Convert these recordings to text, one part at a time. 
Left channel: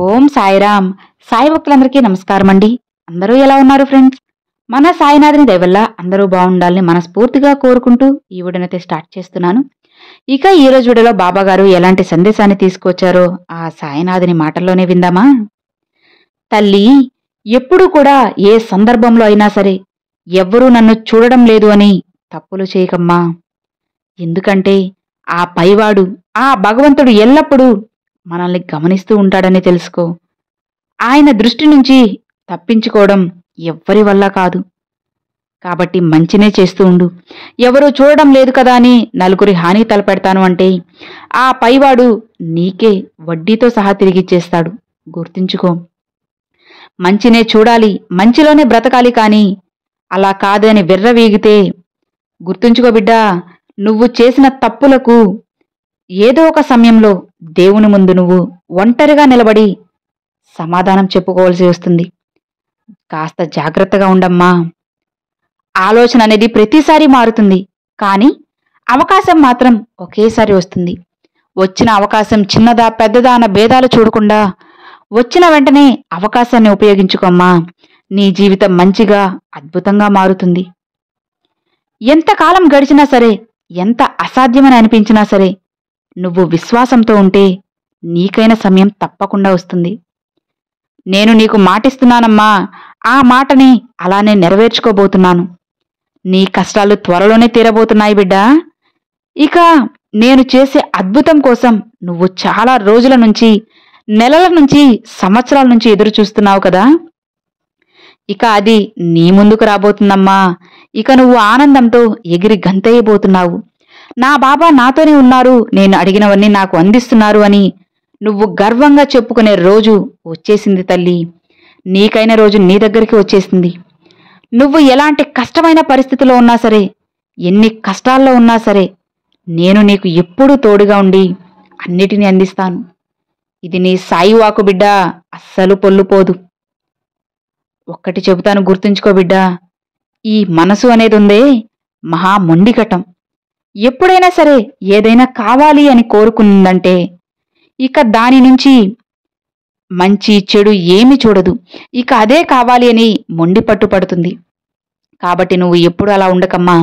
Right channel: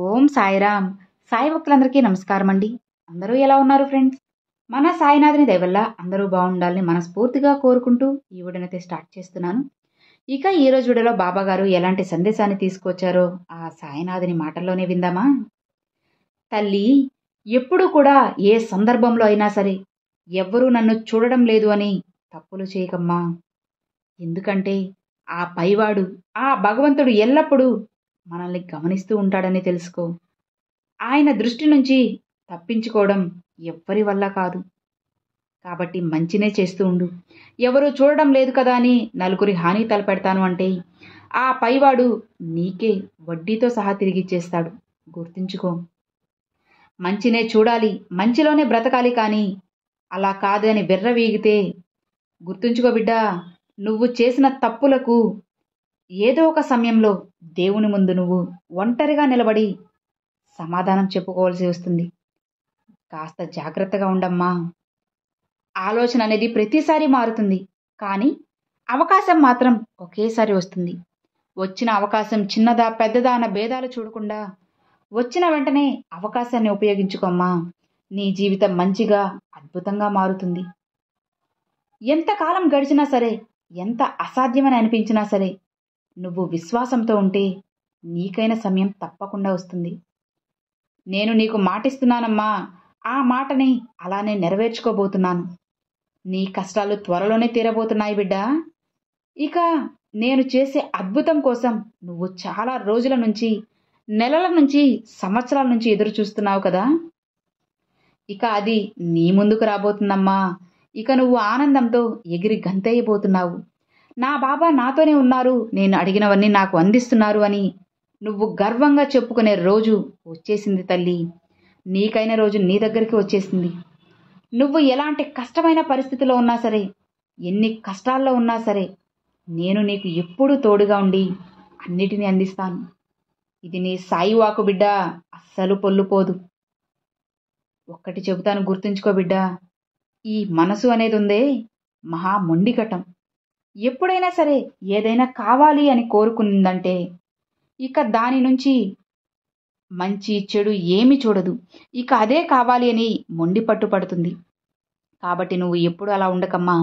ఓం సాయిరామ్. సాయి భక్తులందరికీ నమస్కారం అండి. అందరూ ఎలా ఉన్నారు ఫ్రెండ్స్? మన సాయినాథుని దయ వల్ల అందరూ బాగుండాలని మనస్ఫూర్తిగా కోరుకుంటూ ఈ వీడియోనైతే స్టార్ట్ చేస్తున్నాను. ఇక ఈ రోజు వీడియోలో బాబా గారు ఎలాంటి సందేశాన్ని తీసుకొచ్చారో ఆ సాయినాథుని మాటల్లోనే విందామా? తల్లి, ఎప్పుడు కూడా ఏ సందర్భంలో అయినా సరే ఎవ్వరూ నన్ను చూడడం లేదు అని తప్పులు చేయకమ్మా. ఎందుకంటే ఆ పైవాడు, ఆ భగవంతుడు ఎల్లప్పుడూ మనల్ని గమనిస్తూ ఉంటాడని తెలుసుకో. ఆయన దృష్టి నుంచి తప్పించుకోవడం ఎవ్వరి వల్ల కాదు. కాబట్టి మంచినే చేస్తూ ఉండు. ఎవరూ చూడడం లేదు కదా అని నలుగురి హాని తలపెడతాను అంటే ఆ పైవాడు నీకే వడ్డీతో సహా తిరిగిచ్చేస్తాడు. గుర్తుంచుకో. మంచినే చూడాలి, మంచిలోనే బ్రతకాలి, కానీ అలా కాదని విర్రవీగితే గుర్తుంచుకో బిడ్డా, నువ్వు చేసిన తప్పులకు ఏదో ఒక సమయంలో దేవుని ముందు నువ్వు ఒంటరిగా నిలబడి సమాధానం చెప్పుకోవాల్సి వస్తుంది. కాస్త జాగ్రత్తగా ఉండమ్మా. ఆలోచన అనేది ప్రతిసారి మారుతుంది, కానీ అవకాశం మాత్రం ఒకేసారి వస్తుంది. వచ్చిన అవకాశం చిన్నదా పెద్దదా అన్న భేదాలు చూడకుండా వచ్చిన వెంటనే అవకాశాన్ని ఉపయోగించుకోమ్మా. నీ జీవితం మంచిగా అద్భుతంగా మారుతుంది. ఎంతకాలం గడిచినా సరే, ఎంత అసాధ్యమని అనిపించినా సరే, నువ్వు విశ్వాసంతో ఉంటే నీకైన సమయం తప్పకుండా వస్తుంది. నేను నీకు మాటిస్తున్నానమ్మా. ఆ మాటని అలానే నెరవేర్చుకోబోతున్నాను. నీ కష్టాలు త్వరలోనే తీరబోతున్నాయి బిడ్డా. ఇక నేను చేసే అద్భుతం కోసం నువ్వు చాలా రోజుల నుంచి, నెలల నుంచి, సంవత్సరాల నుంచి ఎదురు చూస్తున్నావు కదా. ఇక అది నీ ముందుకు రాబోతుందమ్మా. ఇక నువ్వు ఆనందంతో ఎగిరి గంతేయబోతున్నావు. నా బాబా నాతోనే ఉన్నారు, నేను అడిగినవన్నీ నాకు అందిస్తున్నారు అని నువ్వు గర్వంగా చెప్పుకునే రోజు వచ్చేసింది తల్లి. నీకైన రోజు నీ దగ్గరికి వచ్చేసింది. నువ్వు ఎలాంటి కష్టమైన పరిస్థితిలో ఉన్నా సరే, ఎన్ని కష్టాల్లో ఉన్నా సరే, నేను నీకు ఎప్పుడూ తోడుగా ఉండి అన్నిటినీ అందిస్తాను. ఇది నీ సాయి వాకు బిడ్డా, అస్సలు పొల్లుపోదు. ఒక్కటి చెబుతాను, గుర్తుంచుకో బిడ్డా. ఈ మనసు అనేది ఉందే, మహా మొండిఘటం. ఎప్పుడైనా సరే ఏదైనా కావాలి అని కోరుకుందంటే ఇక దాని నుంచి మంచి చెడు ఏమి చూడదు. ఇక అదే కావాలి అని మొండి పట్టుపడుతుంది. కాబట్టి నువ్వు ఎప్పుడు అలా ఉండకమ్మా.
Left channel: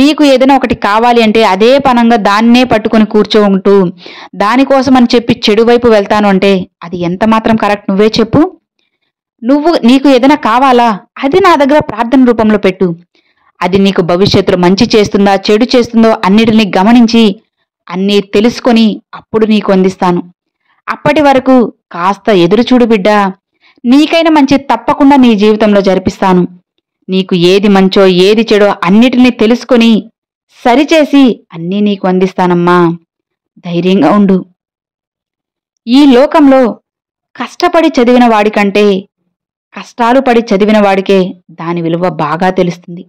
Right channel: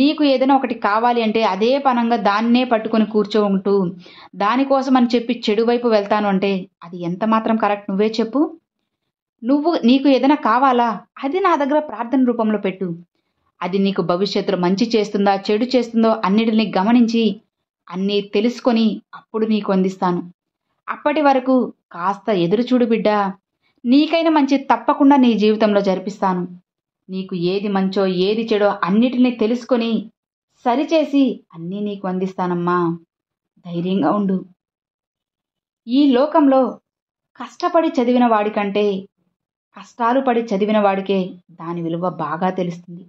నీకు ఏదైనా ఒకటి కావాలి అంటే అదే పనంగా దాన్నే పట్టుకొని కూర్చోంటూ దానికోసం అని చెప్పి చెడు వైపు వెళ్తాను అంటే అది ఎంత మాత్రం కరెక్ట్? నువ్వే చెప్పు. నీకు ఏదైనా కావాలా, అది నా దగ్గర ప్రార్థన రూపంలో పెట్టు. అది నీకు భవిష్యత్తులో మంచి చేస్తుందా చెడు చేస్తుందో అన్నిటినీ గమనించి అన్నీ తెలుసుకొని అప్పుడు నీకు అందిస్తాను. అప్పటి వరకు కాస్త ఎదురుచూడు బిడ్డా. నీకైనా మంచి తప్పకుండా నీ జీవితంలో జరిపిస్తాను. నీకు ఏది మంచో ఏది చెడో అన్నిటినీ తెలుసుకొని సరిచేసి అన్నీ నీకు అందిస్తానమ్మా. ధైర్యంగా ఉండు. ఈ లోకంలో కష్టపడి చదివిన వాడికంటే కష్టాలు పడి చదివిన వాడికే దాని విలువ బాగా తెలుస్తుంది.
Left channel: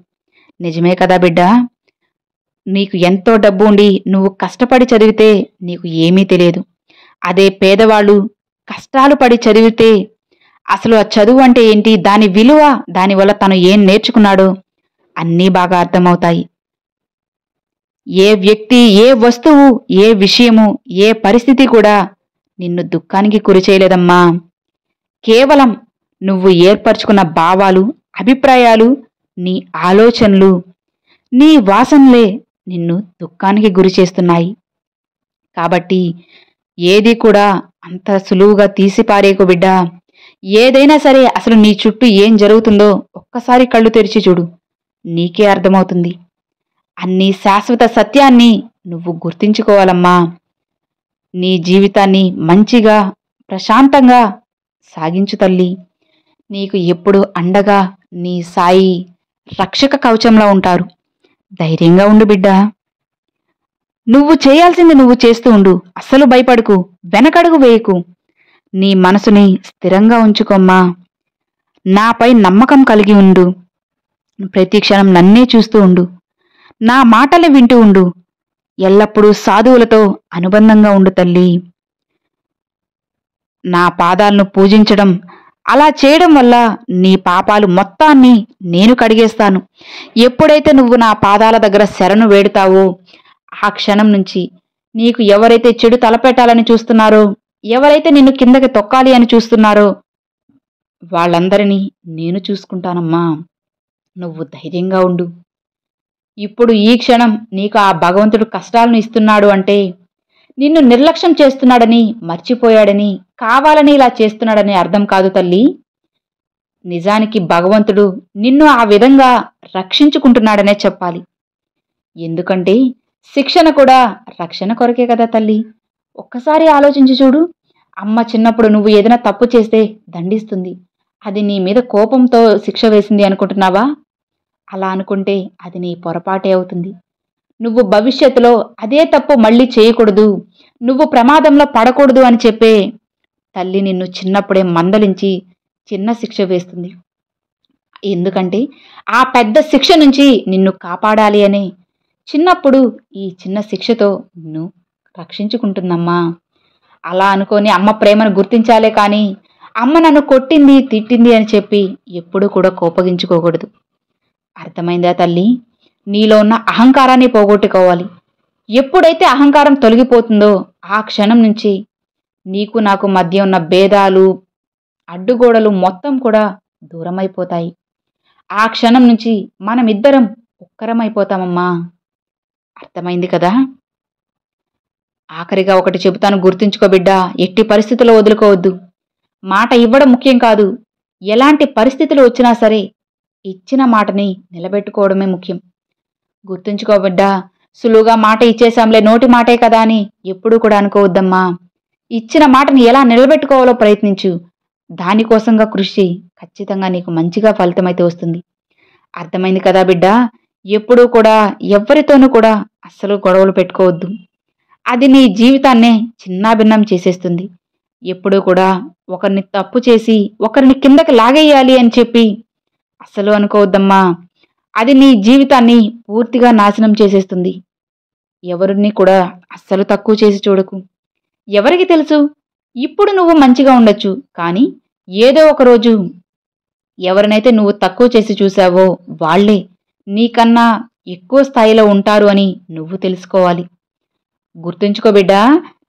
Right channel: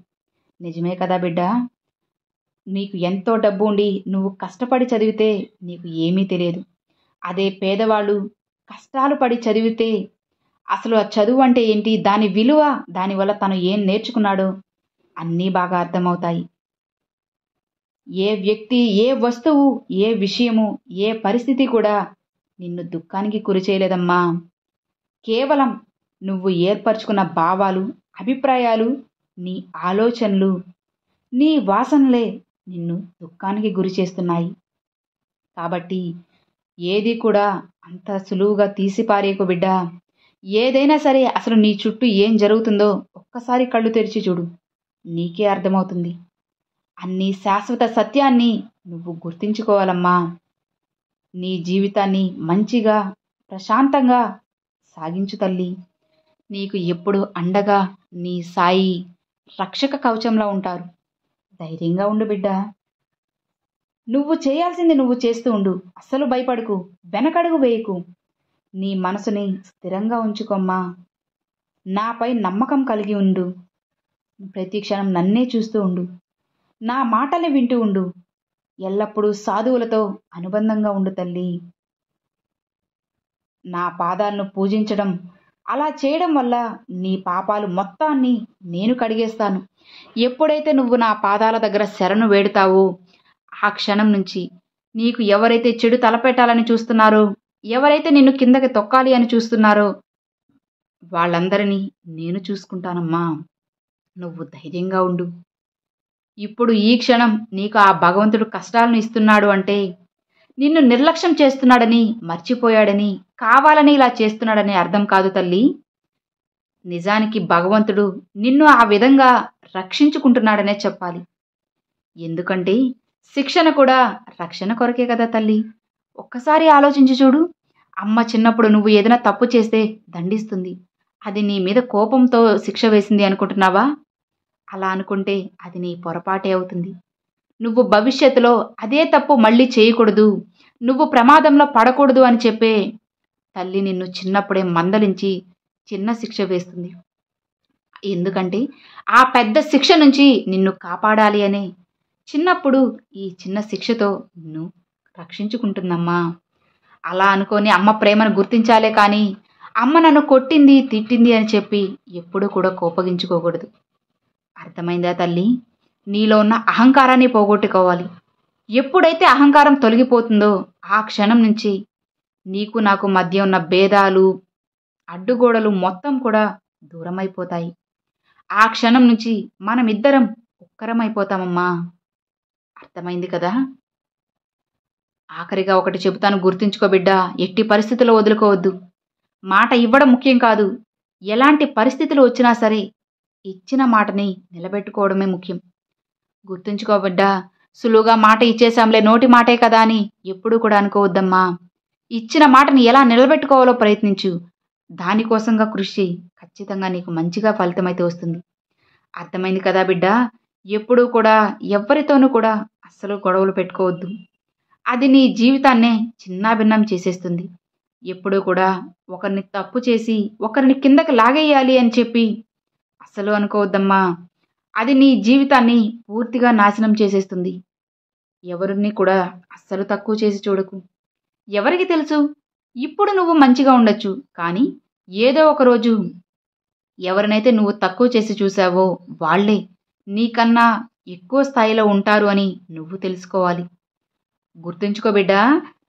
నిజమే కదా బిడ్డా? నీకు ఎంతో డబ్బు ఉండి నువ్వు కష్టపడి చదివితే నీకు ఏమీ తెలియదు. అదే పేదవాళ్ళు కష్టాలు పడి చదివితే అసలు ఆ చదువు అంటే ఏంటి, దాని విలువ, దానివల్ల తను ఏం నేర్చుకున్నాడో అన్నీ బాగా అర్థమవుతాయి. ఏ వ్యక్తి, ఏ వస్తువు, ఏ విషయము, ఏ పరిస్థితి కూడా నిన్ను దుఃఖానికి గురి చేయలేదమ్మా. కేవలం నువ్వు ఏర్పరచుకున్న భావాలు, అభిప్రాయాలు, నీ ఆలోచనలు, నీ వాసనలే నిన్ను దుఃఖానికి గురి చేస్తున్నాయి. కాబట్టి ఏది కూడా అంత సులువుగా తీసిపారేకు బిడ్డా. ఏదైనా సరే అసలు నీ చుట్టూ ఏం జరుగుతుందో ఒక్కసారి కళ్ళు తెరిచి చూడు, నీకే అర్థమవుతుంది. అన్ని శాశ్వత సత్యాన్ని నువ్వు గుర్తించుకోవాలమ్మా. నీ జీవితాన్ని మంచిగా ప్రశాంతంగా సాగించు తల్లి. నీకు ఎప్పుడు అండగా నీ సాయి రక్షక కవచంలో ఉంటారు. ధైర్యంగా ఉండు బిడ్డా. నువ్వు చేయాల్సింది నువ్వు చేస్తూ ఉండు. అస్సలు భయపడకు, వెనకడుగు వేయకు. నీ మనసుని స్థిరంగా ఉంచుకోమ్మా. నాపై నమ్మకం కలిగి ఉండు. ప్రతి క్షణం నన్నే చూస్తూ ఉండు. నా మాటలు వింటూ ఉండు. ఎల్లప్పుడూ సాధువులతో అనుబంధంగా ఉండు తల్లి. నా పాదాలను పూజించడం, అలా చేయడం వల్ల నీ పాపాలు మొత్తాన్ని నేను కడిగేస్తాను. ఎప్పుడైతే నువ్వు నా పాదాల దగ్గర శరణు వేడుతావో ఆ క్షణం నుంచి నీకు ఎవరైతే చెడు తలపెట్టాలని చూస్తున్నారో ఎవరైతే నిన్ను కిందకి తొక్కాలి అని చూస్తున్నారో వాళ్ళందరినీ నేను చూసుకుంటానమ్మా. నువ్వు ధైర్యంగా ఉండు. ఇప్పుడు ఈ క్షణం నీకు ఆ భగవంతుడు కష్టాలను ఇస్తున్నాడు అంటే నిన్ను నిర్లక్ష్యం చేస్తున్నాడని, మర్చిపోయాడని, కావాలని ఇలా చేస్తున్నాడని అర్థం కాదు తల్లి. నిజానికి భగవంతుడు నిన్ను ఆ విధంగా రక్షించుకుంటున్నాడనే చెప్పాలి. ఎందుకంటే శిక్షణ కూడా రక్షణ కొరకే కదా తల్లి. ఒక్కసారి ఆలోచించి చూడు. అమ్మ చిన్నప్పుడు నువ్వు ఏదైనా తప్పు చేస్తే దండిస్తుంది. అది నీ మీద కోపంతో శిక్ష వేసింది అనుకుంటున్నావా? అలా అనుకుంటే అది నీ పొరపాటే అవుతుంది. నువ్వు భవిష్యత్తులో అదే తప్పు మళ్ళీ చేయకూడదు, నువ్వు ప్రమాదంలో పడకూడదు అని చెప్పే తల్లి నిన్ను చిన్నప్పుడే మందలించి చిన్న శిక్ష వేస్తుంది. ఎందుకంటే ఆ పెద్ద శిక్ష నుంచి నిన్ను కాపాడాలి అనే చిన్నప్పుడు ఈ చిన్న శిక్షతో నిన్ను రక్షించుకుంటుందమ్మా. అలా అనుకొని అమ్మ ప్రేమను గుర్తించాలే కానీ అమ్మ నన్ను కొట్టింది, తిట్టింది అని చెప్పి ఎప్పుడూ కూడా కోపగించుకోకూడదు. అర్థమైందా తల్లి? నీలో ఉన్న అహంకారాన్ని పోగొట్టుకోవాలి. ఎప్పుడైతే అహంకారం తొలగిపోతుందో ఆ క్షణం నుంచి నీకు నాకు మధ్య ఉన్న భేదాలు, అడ్డుగోడలు మొత్తం కూడా దూరమైపోతాయి. ఆ క్షణం నుంచి మనమిద్దరం ఒక్కరమైపోతామమ్మా. అర్థమైంది కదా? ఆఖరిగా ఒకటి చెబుతాను, గుర్తుంచుకో బిడ్డ. ఎట్టి పరిస్థితుల్లో వదులుకోవద్దు. మాట ఇవ్వడం ముఖ్యం కాదు, ఎలాంటి పరిస్థితులు వచ్చినా సరే ఇచ్చిన మాటని నిలబెట్టుకోవడమే ముఖ్యం. గుర్తుంచుకో బిడ్డ. సులువుగా మాట ఇచ్చేశాంలే, నోటి మాటే కదా అని ఎప్పుడూ కూడా అనుకోవద్దమ్మా. ఇచ్చిన మాటని ఎలా నిలబెట్టుకోవాలో ప్రయత్నించు. దానికోసంగా కృషి ఖచ్చితంగా నీకు మంచిగా ఫలితమైతే వస్తుంది. అర్థమైంది కదా బిడ్డ? ఎప్పుడూ కూడా ఎవరితోనూ కూడా అస్సలు గొడవలు పెట్టుకోవద్దు. అది నీ జీవితాన్నే చిన్నాభిన్నం చేసేస్తుంది. ఎప్పుడూ కూడా ఒకరిని తప్పు చేసి ఒకరిని కిందకి లాగేయాలి అని చెప్పి అస్సలు అనుకోవద్దమ్మా. అది నీ జీవితాన్ని పూర్తిగా నాశనం చేసేస్తుంది. ఎవరిని కూడా అస్సలు తక్కువ చేసి చూడకు. ఎవరికి తెలుసు, ఇప్పుడు నువ్వు మంచిగా ఉండొచ్చు, కానీ ఏదో ఒక రోజు ఎవరినైతే నువ్వు తక్కువ చేసి చూసావో వాళ్లే నీకన్నా ఎక్కువ స్థాయిలో ఉంటారు అని నువ్వు తెలుసుకోవాలి. గుర్తుంచుకో బిడ్డా,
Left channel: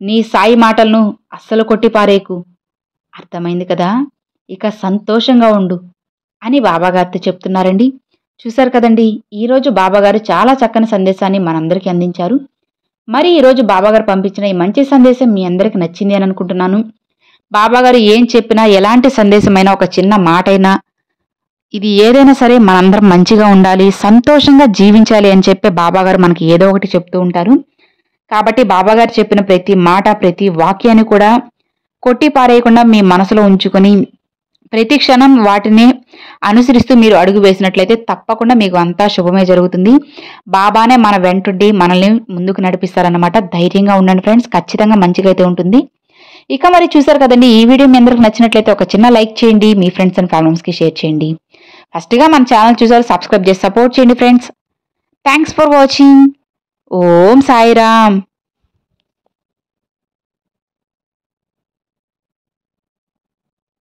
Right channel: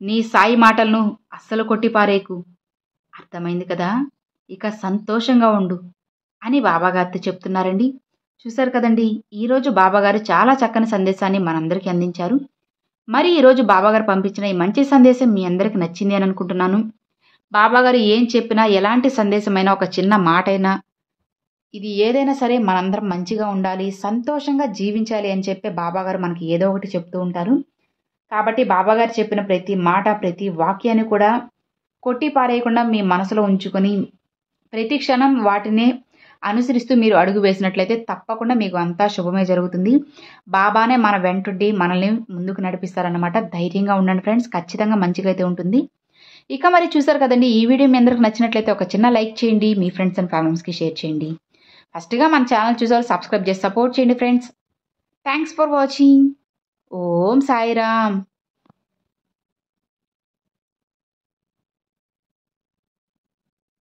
నీ సాయి మాటలను అస్సలు కొట్టిపారేకు. అర్థమైంది కదా? ఇక సంతోషంగా ఉండు అని బాబాగారితో చెప్తున్నారండి. చూశారు కదండి, ఈరోజు బాబాగారు చాలా చక్కని సందేశాన్ని మనందరికీ అందించారు. మరి ఈరోజు బాబాగారు పంపించిన ఈ మంచి సందేశం మీ అందరికి నచ్చింది అని అనుకుంటున్నాను. బాబాగారు ఏం చెప్పినా, ఎలాంటి సందేశమైనా, ఒక చిన్న మాటైనా, ఇది ఏదైనా సరే మనందరం మంచిగా ఉండాలి, సంతోషంగా జీవించాలి అని చెప్పే బాబాగారు మనకి ఏదో ఒకటి చెప్తూ ఉంటారు. కాబట్టి బాబాగారు చెప్పిన ప్రతి మాట, ప్రతి వాక్యాన్ని కూడా కొట్టి పారేయకుండా మీ మనసులో ఉంచుకొని ప్రతి క్షణం వాటిని అనుసరిస్తూ మీరు అడుగు వేసినట్లయితే తప్పకుండా మీకు అంతా శుభమే జరుగుతుంది. బాబానే మన వెంటుండి మనల్ని ముందుకు నడిపిస్తారన్నమాట. ధైర్యంగా ఉండండి ఫ్రెండ్స్, ఖచ్చితంగా మంచిగా అయితే ఉంటుంది. ఇక మరి చూసారు కదండి, ఈ వీడియో మీ అందరికి నచ్చినట్లయితే ఒక చిన్న లైక్ చేయండి, మీ ఫ్రెండ్స్ అండ్ ఫ్యామిలీస్కి షేర్ చేయండి. ఫస్ట్గా మన ఛానల్ చూసారు, సబ్స్క్రైబ్ చేసి సపోర్ట్ చేయండి friends. Thanks for watching. Om Sairam.